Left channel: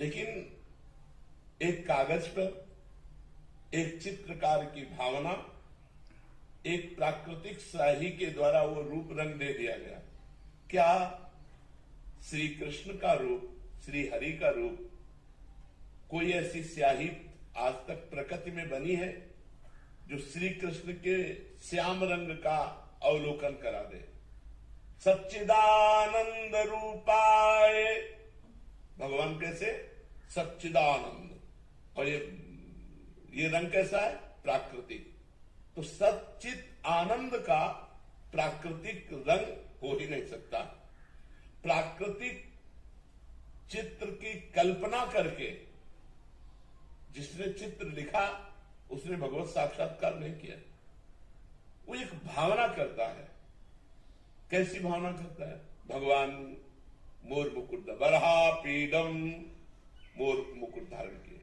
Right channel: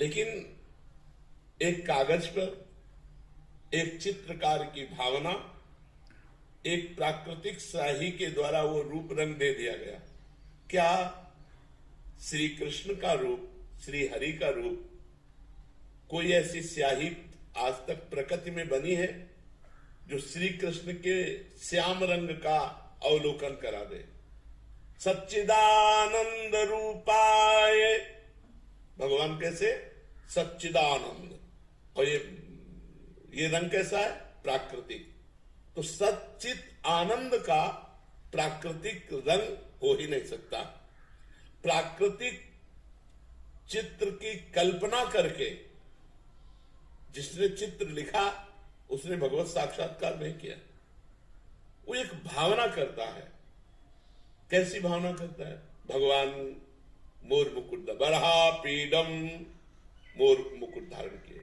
लेकिन एक कागज पर एक चित्रकार की भावना, एक प्राकृतिक स्याही के द्वारा वो रूप रंग दे दिया गया। क्या श्री कृष्ण का रूप, श्री हरि का रूप, कोई ऐसी स्याही आज तक प्रकृति में बनी है जो श्री कृष्ण के श्याम रंग का अवलोकन करा दे? सच्चिदानंद रूपाय, भगवान कैसे? सच्चिदानंद। और ये रंग कैसा है? प्राकृतिक। तो सच्चित आनंद का प्राकृतिक रंग हो ही नहीं सकता। प्राकृतिक चित्र की कल्पना करके जिसने चित्र लिखा उसने भगवत साक्षात्कार नहीं किया। वो एक भावना करता है। कैसी भावना करता है? भगवान मोर मुकुट, बरहा पीडम, मोर मुकुट धारण किए।